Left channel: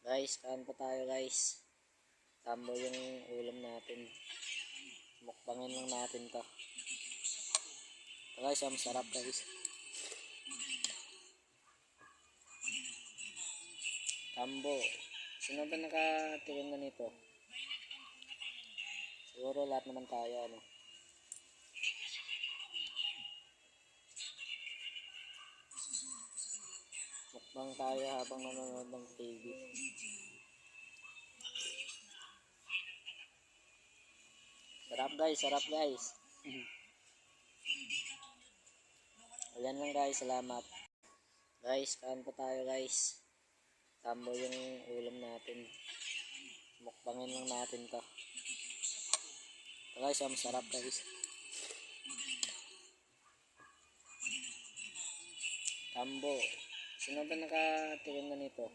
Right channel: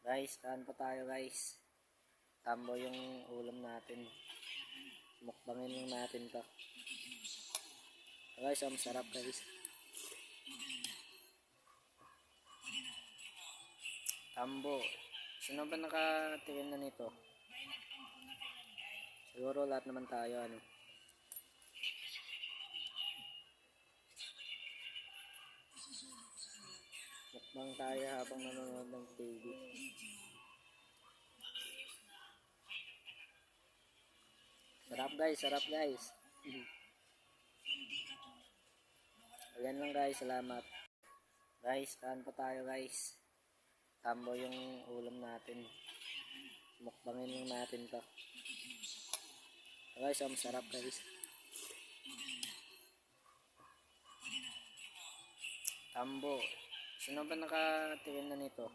Guys, kaan pa tayo guys. Tambo yung ulam natin. Mukbangin lang natin to. Ito guys, ang sarap guys. Tambo. Sino ba nakatikim na nito? Siguro lahat naman tayo ano. Mukbang tayo habang nanonood ng TV. Sarap guys, sarap guys. Ayan lang guys, salamat. Guys, kaan pa tayo guys. Tambo yung ulam natin. Mukbangin lang natin to. Ito guys, ang sarap guys. Tambo. Sino ba nakatikim na nito?